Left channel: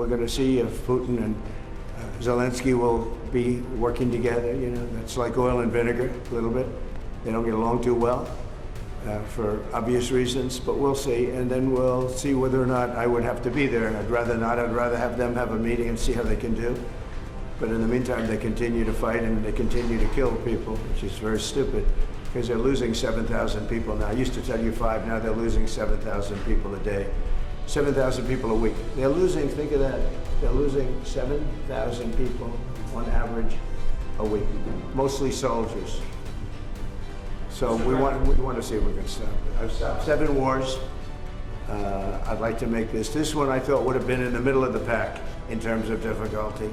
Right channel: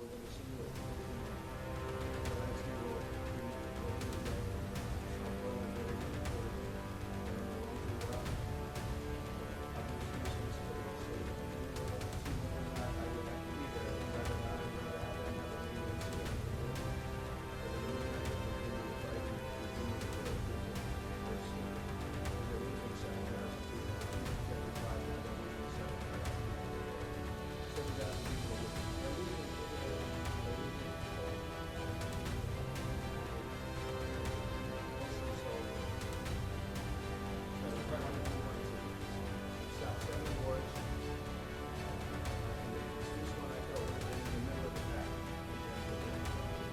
we're going to see if Putin and Zelensky will be working together. You know, it's like oil and vinegar a little bit. They don't get along too well for obvious reasons, but we'll see. And then we'll see whether or not I would have to be there. I'd rather not. I'd rather have them have a meeting and see how they can do. But in the meantime, they continue to fight and they continue to kill people, which is very stupid because they're losing 7,000 people now. I used to tell you 5, now they're losing 7,000 people a day. 7,000 people a week. They're losing, think of that, they're losing 7,000 people on average a week, mostly soldiers. So we want to see if we can stop it. I've stopped 7 wars. I'd like to make this one I thought would have been in the middle of the pack in terms of difficulty,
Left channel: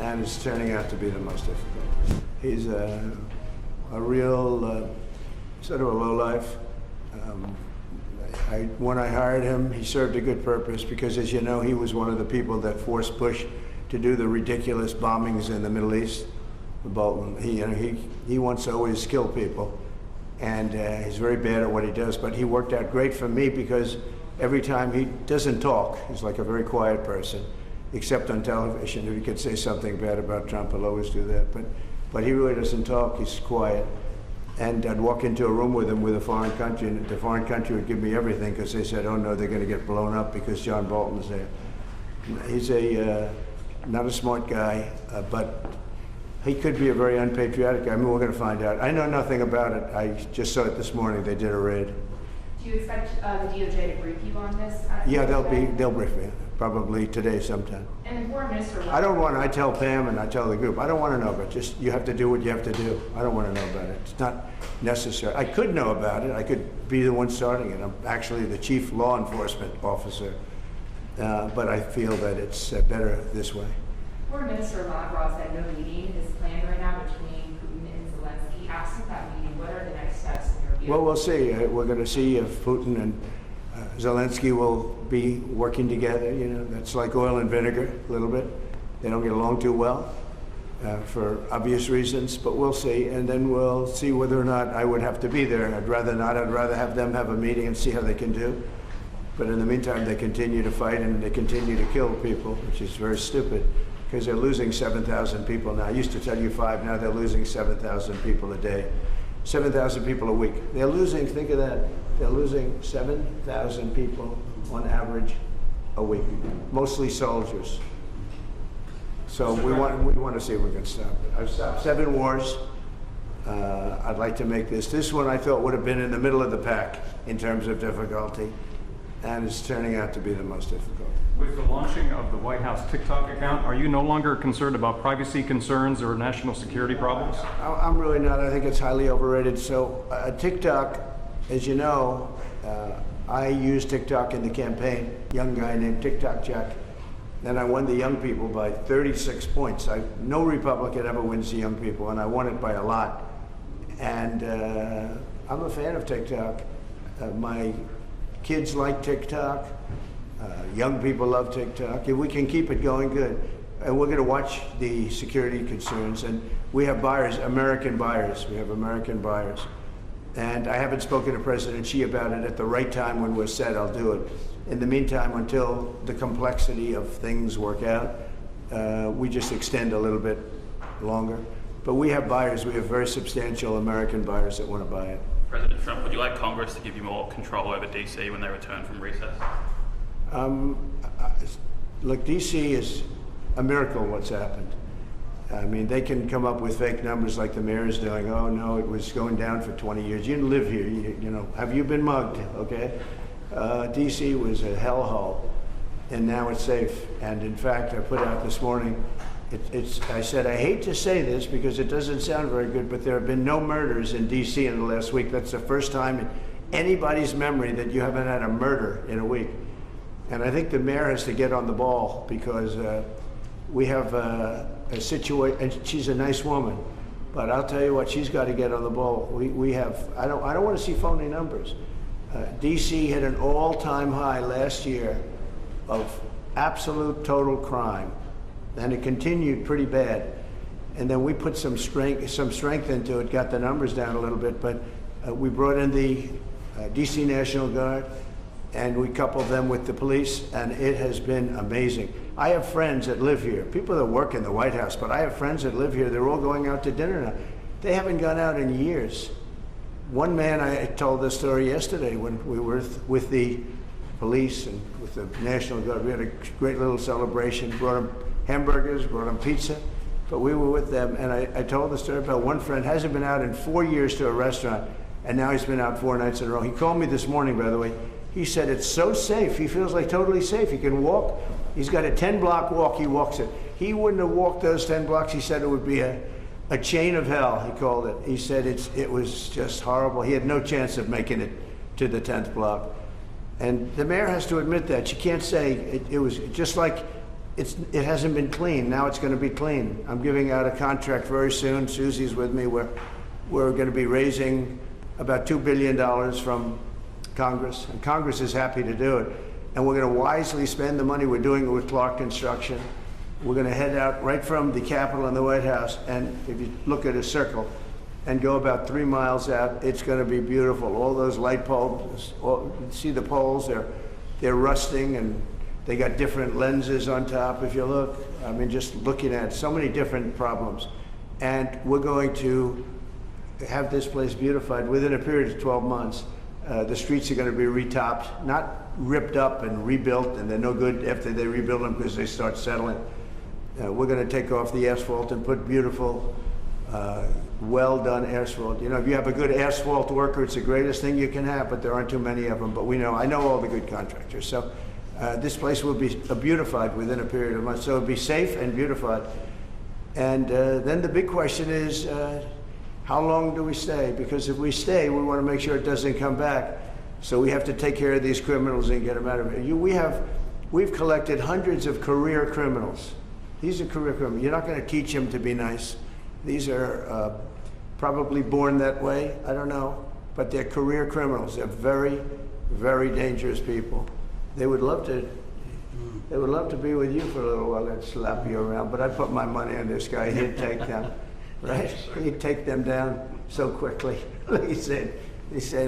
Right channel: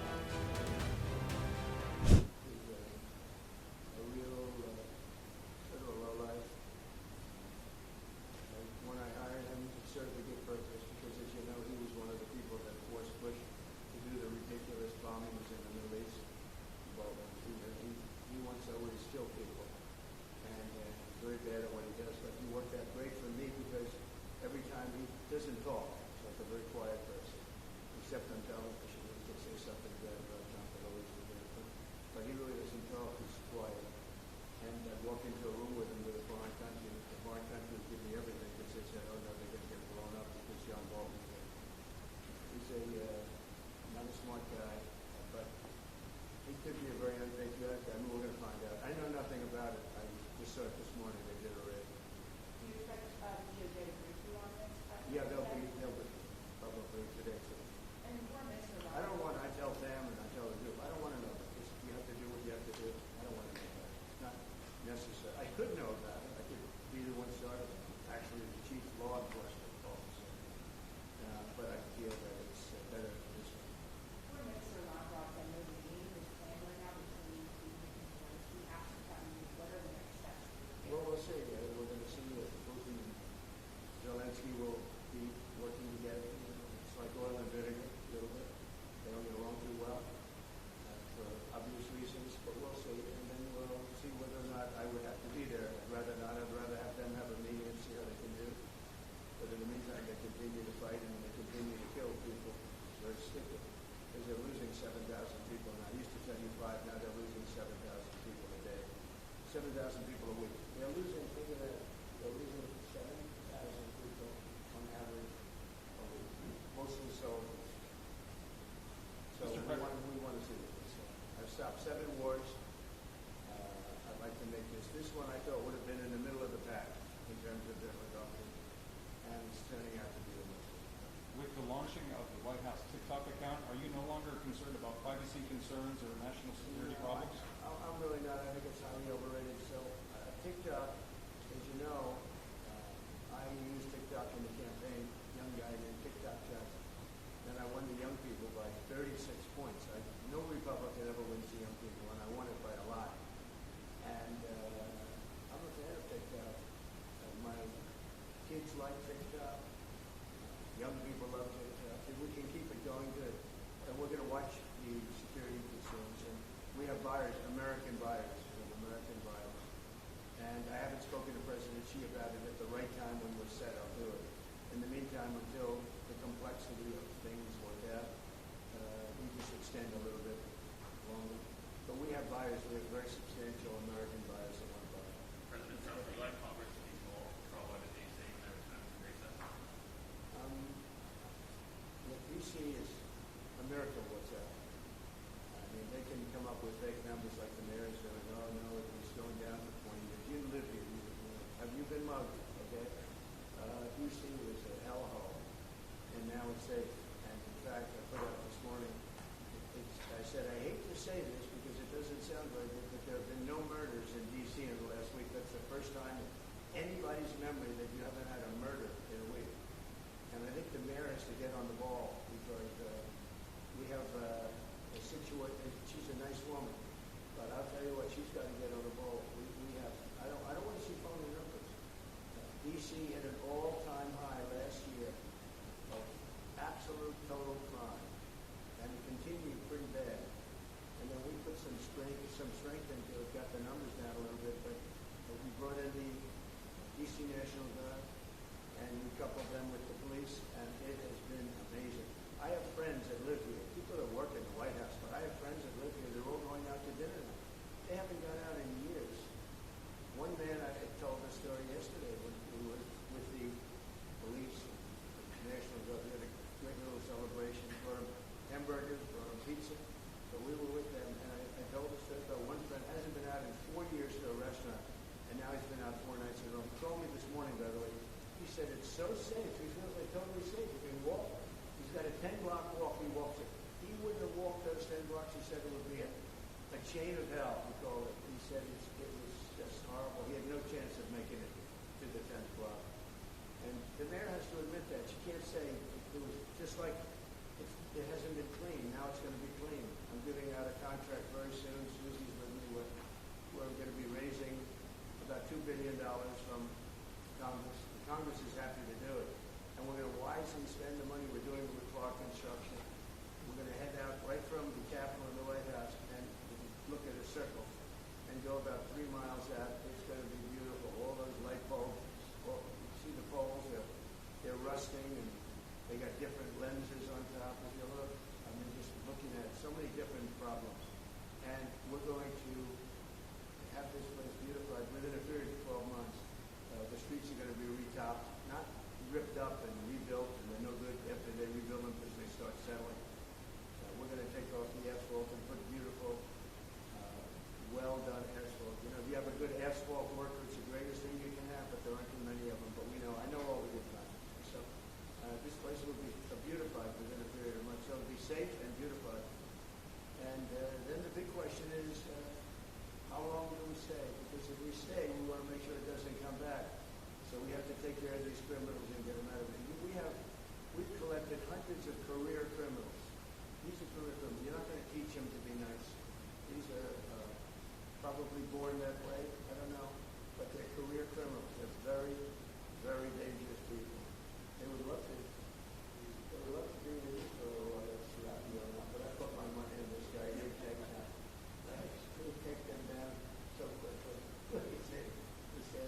and it's turning out to be the most difficult. He's a real sort of a lowlife. When I hired him, he served a good purpose because, as you know, he was one of the people that forced Bush to do the ridiculous bombings in the Middle East. Bolton, he wants to always kill people, and he's very bad at what he does. But he worked out great for me because every time he doesn't talk, he's like a very quiet person, except on television. If he could say something bad about Trump, he'll always do that. But he really doesn't talk. He's quiet. And I'd walk into a room with him with a foreign country, and the foreign country would give me everything because they said, oh no, they're going to get blown up because John Bolton's there. He's not a smart guy, but he could be a very unpatriotic guy. I mean, we're going to find out. I know nothing about it. I just saw it this morning. They did a raid. Do you expect the DOJ to brief you on this? Yeah, they'll brief me, probably today sometime. And the Foreign Minister... I tell Pam and I tell the group, I don't want to know about it. Just, you have to do what you have to do. I don't want to know about it. It's not necessary. I could know about it. I could be the one starting it. I'm actually the chief law enforcement officer. But I feel that it's better this way. Foreign Minister Lavrov said no meeting is planned right now between Putin and Zelensky. Absent that meeting, what are the next steps in your view? Well, we'll see. We're going to see if Putin and Zelensky will be working together. You know, that's like oil and vinegar a little bit. They don't get along too well for obvious reasons, but we'll see. And then we'll see whether or not I would have to be there. I'd rather not. I'd rather have them have a meeting and see how they can do. But in the meantime, they continue to fight and they continue to kill people, which is very stupid because they're losing 7,000 people now. I used to tell you 5, now they're losing 7,000 people a day. 7,000 people a week. They're losing, think of that, they're losing 7,000 people on average a week, mostly soldiers. So we want to see if we can stop it. I've stopped 7 wars. I'd like to make this one I thought would have been in the middle of the pack in terms of difficulty, and it's turning out to be the most difficult. With the launching of the White House TikTok account, are you no longer concerned about privacy concerns or national security problems? I'm really not. I think it's highly overrated. So TikTok, as you know, I used TikTok in the campaign, young guy named TikTok Jack. Then I won the young people by 36 points. No Republican ever wins the young people, and I won it by a lot. And I'm a fan of TikTok. My kids like TikTok. Young people love TikTok. If we can keep it going, good. And we're going to watch the security concerns. And we have buyers, American buyers. We have American buyers. And I haven't spoken to President Xi about it. At the right time when we're set, I'll do it. In the meantime, until the complexity of things work out, we just extend a little bit longer. But we have buyers. We have very substantial American buyers that want to buy it. President Trump, would you like Congress to give you more control over DC when they return from recess? Look, DC is a miracle what's happened. I mean, they can come up with fake numbers like the mayor is doing. Oh no, it was going down for 20 years. You didn't live here, you know. Have you been mugged, okay? DC was a hellhole, and now it's safe. And in fact, I put out this morning, I said, I hate to say this because it doesn't sound very good, but there have been no murders in DC in the last week. That's the first time in anybody's memory that you haven't had a murder in a week. And I think the mayor has to get on the ball because we have a situation, and she's a nice woman, but I'll tell you what, she's got to get on the ball. We have, I don't want to see phony numbers. DC hit an all-time high last year of absolute total crime, and it continued pretty bad. And then we put some strength into it, got the numbers down a little bit, but we brought in the DC National Guard, and we coupled them with the police, and it has been amazing. I have friends that live here, people that work in the White House, but I have friends that live here. They're all going out to dinner now. They haven't gone out in years. One man, I told this story yesterday when we were with the police and with the National Guard. We had a great little celebration, brought them hamburgers, brought them pizza, but we were with them, and I told the story about one friend hasn't been out in 4 years to a restaurant, and now he's been out 4 nights in a row. He called me this morning, by the way. He said it's so safe. He feels like totally safe. He can walk. He's got a 10-block walk. He walks it. He wouldn't have walked those 10 blocks. He said it would be a chain of hell, he called it. He said it was just horrible. He had no chance of making it to the 10th block. And the mayor has to admit that. She can't say it was just like it hasn't been clean. Now it's going to be clean. I'm giving out a contract very soon. Susie's with me. We're going to be raising about $2 billion from Congress, and Congress is happy to do it. And we're going to wisely spend the money. We're doing it with Clark Construction. We're going to head out right from the Capitol and the White House, and if you look at a circle and go about 3 miles out, it's going to be beautiful. All those light poles, you see the poles, they're rusting, and they got different lenses on top, if you look. I mean, just looking at so many different problems. And we're going to have this place beautified within a period of 12 months. The streets are going to be retopped, not ripped up and rebuilt, and they're no good after they rebuild them because they start settling. We're going to take off the asphalt and put beautiful, well-done asphalt. You know, if you have a good asphalt worker, it's the greatest thing you can have, but there aren't too many of them. But I know all the good contractors. So this place will be beautified within a period of months. So it'll be safe and beautified. And then the big question is, how long do we stay? Because if we stay, we want to make sure it doesn't come back. So we have to take care of these criminals and get them out of here. We've collected hundreds of career criminals. These are career criminals. You're not going to teach them to be nice. These are probably born that way. I don't know. But they're career criminals. They're very, very dangerous people. They would love to be with you for a little while and slap you around. But I put my money on this guy. He'd take them. Right? He'd take them down so quickly. He said,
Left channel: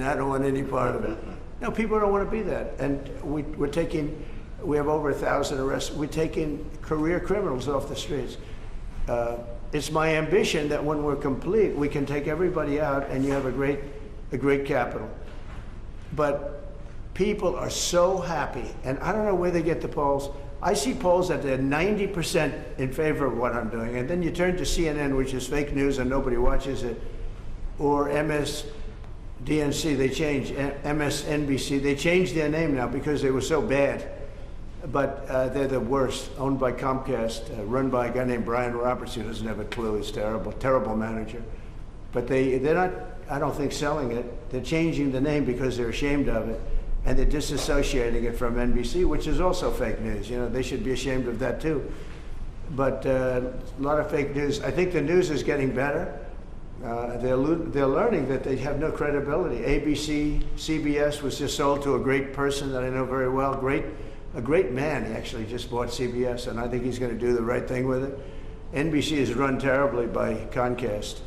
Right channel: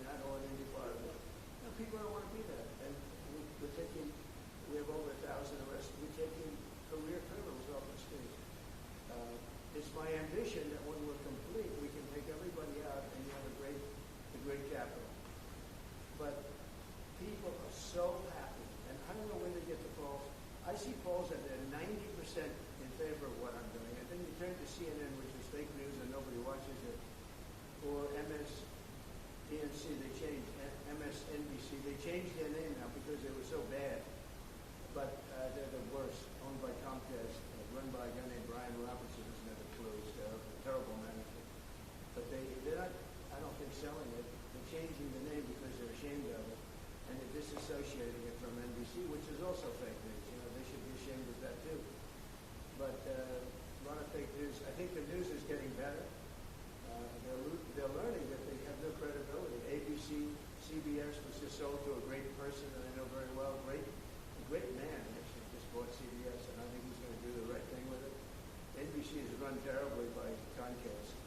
I don't want any part of it. No, people don't want to be that. And we have over 1,000 arrests. We're taking career criminals off the streets. It's my ambition that when we're complete, we can take everybody out and you have a great capital. But people are so happy, and I don't know where they get the polls. I see polls that they're 90% in favor of what I'm doing, and then you turn to CNN, which is fake news and nobody watches it, or MSDNC, they changed, MSNBC, they changed their name now because they were so bad. But they're the worst, owned by Comcast, run by a guy named Brian Roberts, who doesn't have a clue. He's terrible, terrible manager. But they're not, I don't think, selling it. They're changing the name because they're ashamed of it, and they're disassociating it from NBC, which is also fake news. You know, they should be ashamed of that too. But a lot of fake news. I think the news is getting better. They're learning that they have no credibility. ABC, CBS was just sold to a great person that I know very well, a great man. He actually just bought CBS, and I think he's going to do the right thing with it. NBC is run terribly by Comcast.